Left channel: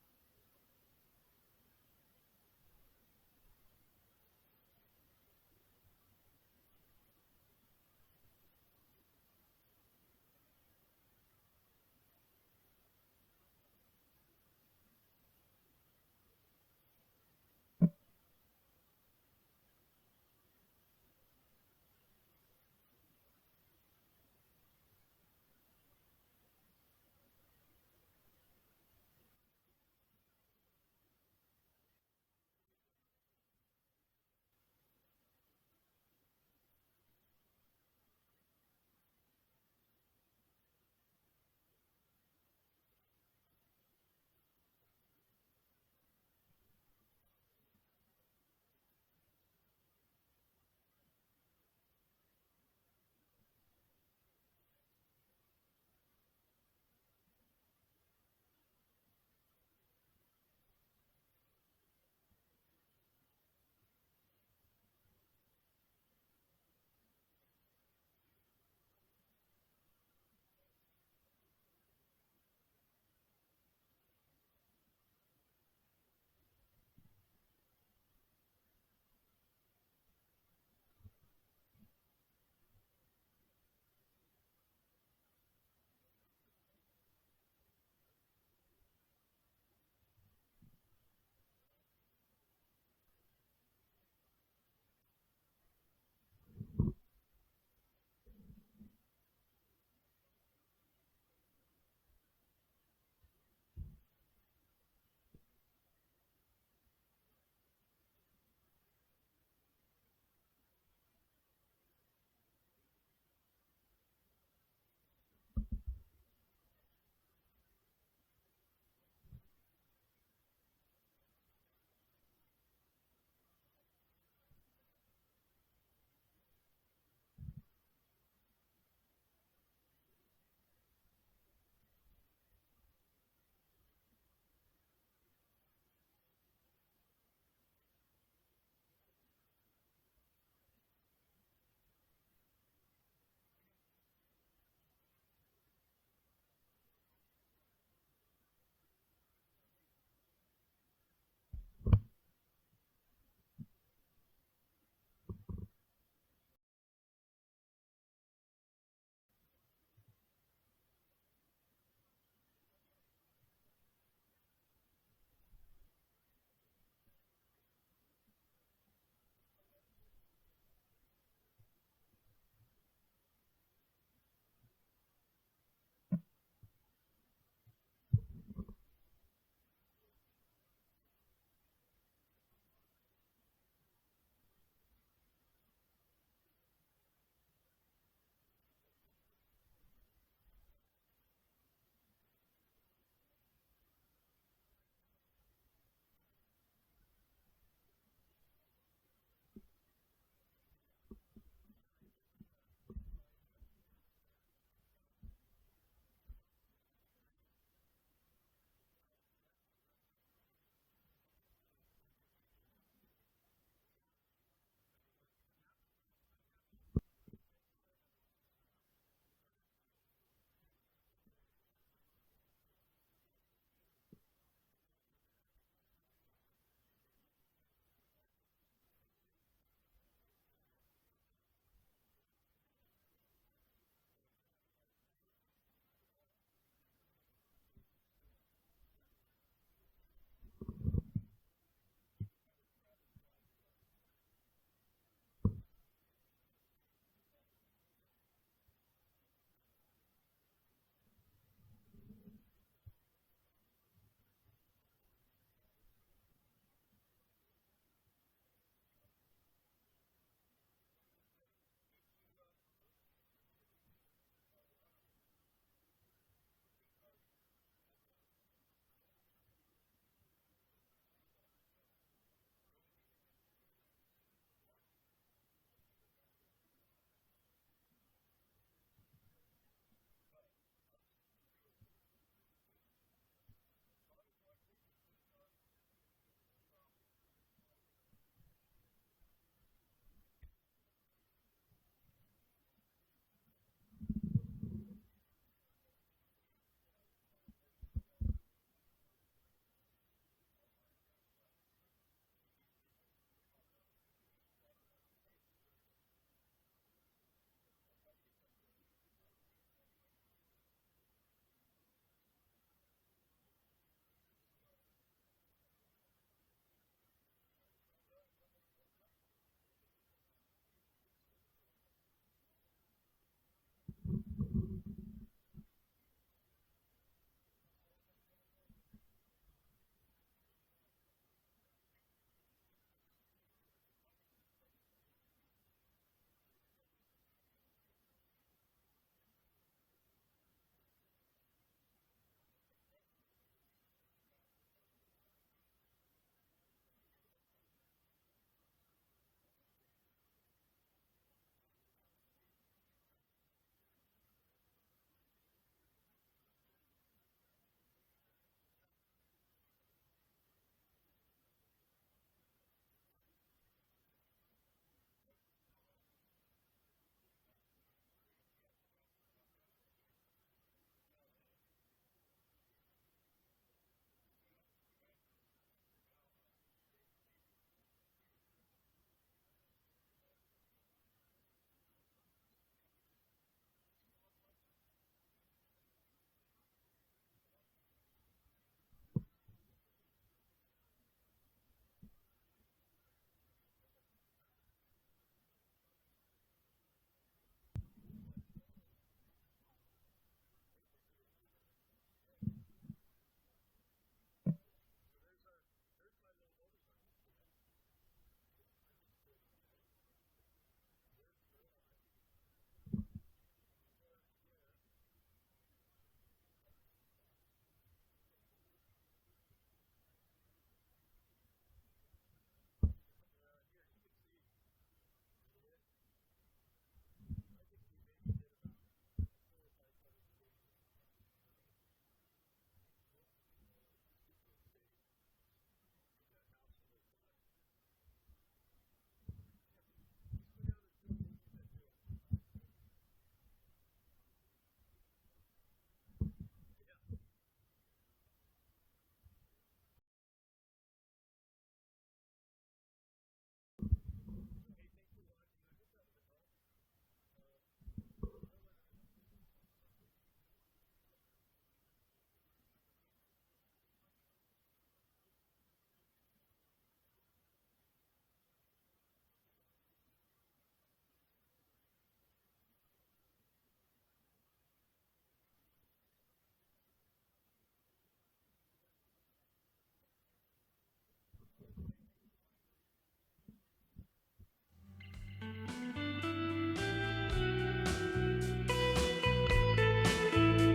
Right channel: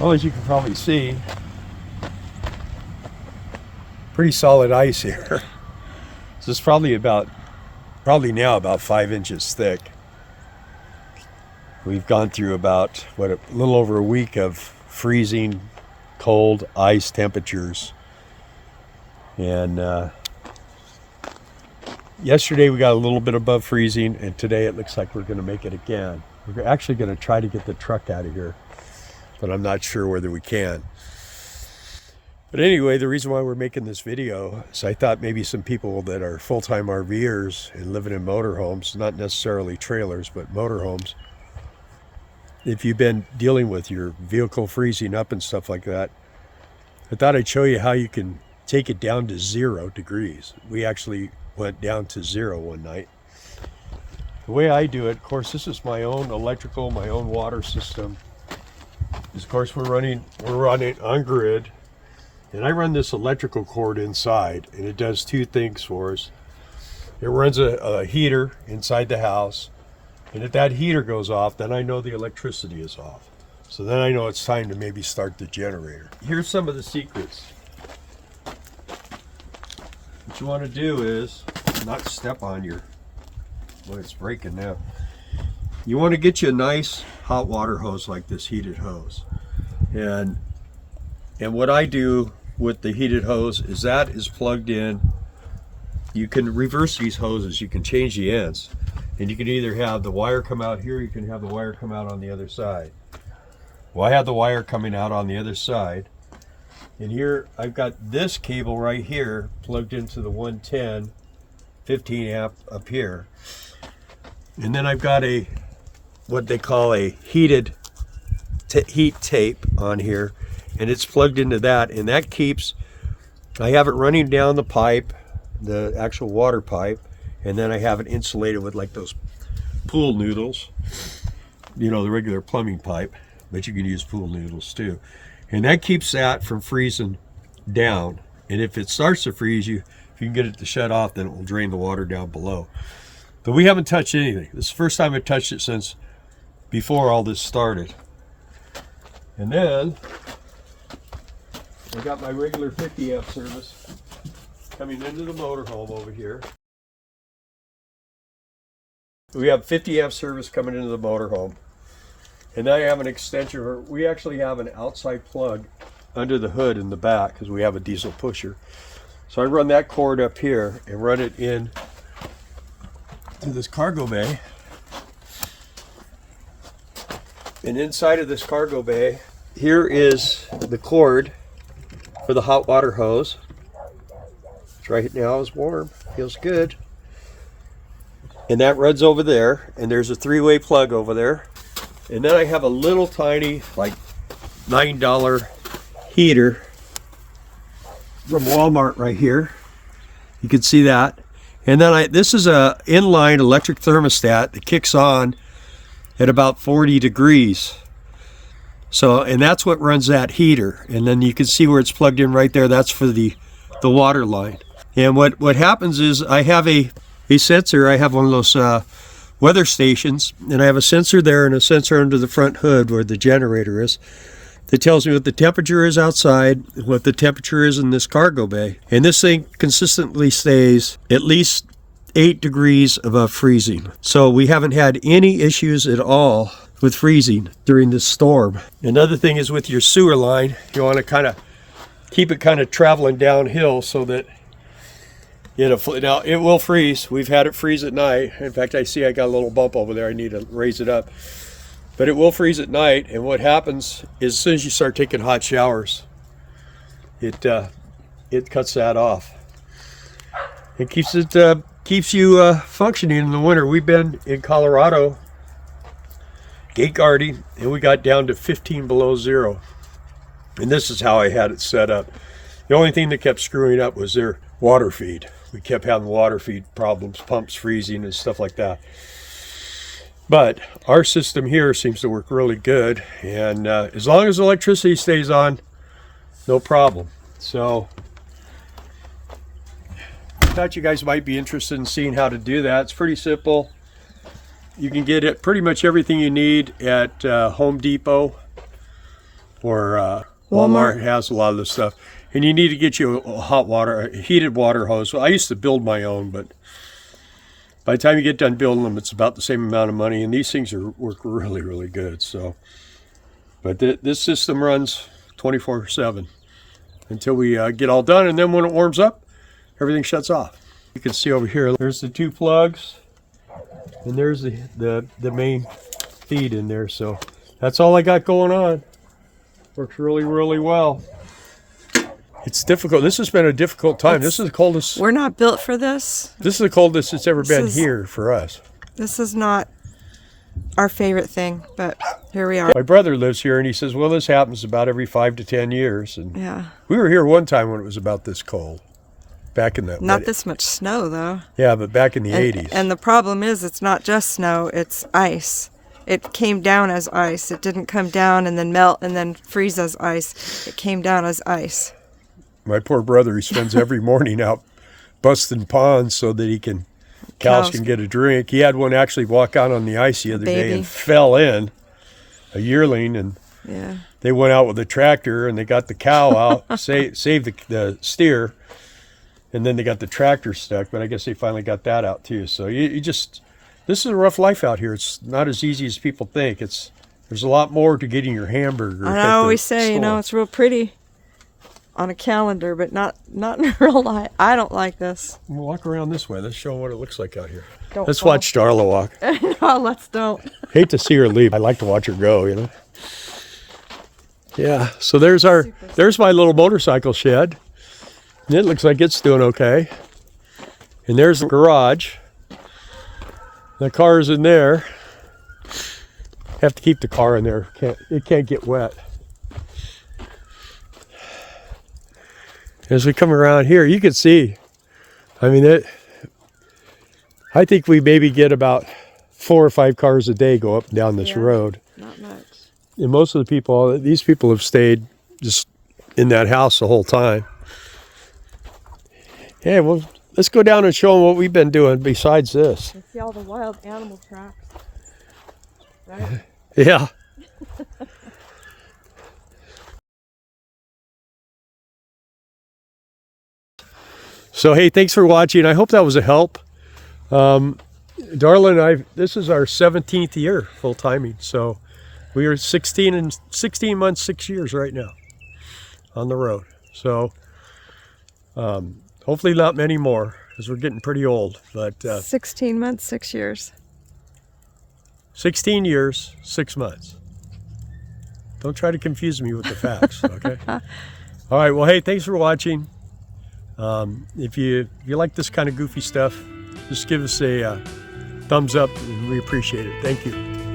Well, as you can probably see, pretty solid ice here. So it's probably now about 5 inches thick. We've gone through about, a little over a week of freezing cold ice temperatures. And yesterday we got a little bit above freezing, and today it looks like we're going to make it again. We're actually going to try to get the truck out of here, but I'm not sure whether we can. But anyway, the reason why we're making this video is I thought maybe some people that are full-time RVers and living in motorhomes, not necessarily trailers, but motorhomes, if you've been dealing with your vehicle freezing up and stuff like that, I thought I'd show you how you can take it down to 0 degrees. We actually went down to 0 one night. The way I do it, of course, this is my own electrical, my own water system. Of course, we're running on grid. And I run this electrical cord inside, and it does two things for us. It runs a heater inside the house, and if that heater goes off, then I know the electricity is off. So then I know it's time to maybe start the generator. Here's some of the secrets. What you want to do is not step on it's breaking now. You want to get you a nice hot water hose like this heated hose. And what I do with the heated hose is that is plugged in. You can reverse these hoses, you can change the ends, and you can either have the wire come out here, you can have the wire come out on the other side. Well, I have the wire coming out on the other side, and here I've got this cable right here plugged into the 110 15 amp up here, and then I've got what they call a heat tape on here, and it's plugged into that, and that keeps, I have it running down the pipe, the actual water pipe, and then I have it insulated with like those pool noodles, the regular plumbing pipe, but you can use pool noodles too. And that keeps that from freezing down. And if it starts to freeze, if you can get it to shut off, then it will drain the water down below. But we haven't touched anything. This is the first time I've touched it since before all this started. And then I got my regular 50 amp service coming into the motorhome over here. We have 50 amp service coming into the motorhome. And then I have an extension. We actually have an outside plug under the hood in the back because we have a diesel pusher. So I run that cord up here and run it in to this cargo bay. And inside of this cargo bay, here is the cord for the hot water hose. Right now is warm, feels good. And that runs over there, and there's a 3-way plug over there. And then I have a little tiny, like $9 heater from Walmart right here. You can see that. And then this is a inline electric thermostat that kicks on at about 40 degrees. So, and that's what runs that heater. And then you can see where it's plugged in right there. That's for the water line. And what happens is I have a sensor. I have one of those weather stations, and I have a sensor there and a sensor under the front hood where the generator is that tells me what the temperature is outside, what the temperature is in this cargo bay. And this thing consistently stays at least 8 degrees above freezing. So we haven't had any issues at all with freezing during this storm. Another thing is with your sewer line, you want to kind of keep it kind of traveling downhill so that now it will freeze. We've had it freeze at night. In fact, I see I got a little bump over there. I need to raise it up. But it will freeze at night, and what happens is as soon as you start taking hot showers, it cuts that off. It keeps you functioning in the winter. We've been in Colorado gate guarding, and we got down to 15 below zero. And this is how I had it set up. The only thing that kept screwing up was their water feed. We kept having water feed problems, pumps freezing and stuff like that. But our system here seems to work really good, and as long as electricity stays on, no problem. So I thought you guys might be interested in seeing how to do that. It's pretty simple. You can get it pretty much everything you need at Home Depot. or Walmart has a lot of this stuff. And you need to get you a heated water hose. Well, I used to build my own, but by the time you get done building them, it's about the same amount of money. And these things work really, really good. So, but this system runs 24/7 until we get all done. And then when it warms up, everything shuts off. You can see over here, there's the 2 plugs, and there's the main feed in there. So that's all I got going on. Works really, really well. It's difficult. This has been a difficult time. This is the coldest. We're not built for this. This is the coldest it's ever been here for us. This is not our favorite thing, but here we are. My brother lives here, and he says, well, this happens about every 5 to 10 years. And yeah. We were here one time when it was about this cold. Back in the... Not this much snow, though. Yeah, but back in the 80s. And the problem is it's not just snow, it's ice. It came down as ice. It didn't come down and then melt and then freeze as ice. It came down as ice. My poor brother, he spends every morning out busting ponds so that cows can get a drink. He had one actually walk out on the ice the other day and fell in, a yearling, and they went out with a tractor and they got the cow out, saved the steer, and then they got the tractor stuck, but I guess they finally got that out too. So this is a rough life out here. It's not as easy as people think. There's a lot more to getting your hamburger. And I always say, it's real pretty on a calendar, but not in real life. I don't like this. We'll walk around this way. Let's show them what it looks like out here. Let's watch Darla walk. No, let's don't. Hate to see her leave. I like to watch her go, Yeah, so there's my little motorcycle shed. And it looks like it's doing okay. And there's the garage. The car's in there. Have to keep the car in there. It can't get wet. As we come around here, you can see, I think we maybe get about 4 or 5 cars a day go up and down this road. Not much. And most of these people have stayed just in that house the whole time. Yeah, well, let's go down and show them what we've been doing besides this. You see all the wild animal tracks, right? Yeah. So, hey, thanks for watching. I hope that was a help. Darla and I, this is our 17th year full timing. So we are 16 months, 6 years right now on the road. So hopefully not many more because we're getting pretty old. But 16 months, 6 years. 16 years, 6 months. Don't try to confuse me with the facts, okay? All right, well, hey, thanks for watching. If you like this kind of goofy stuff, just give us a thumbs up. We appreciate it. Thank you.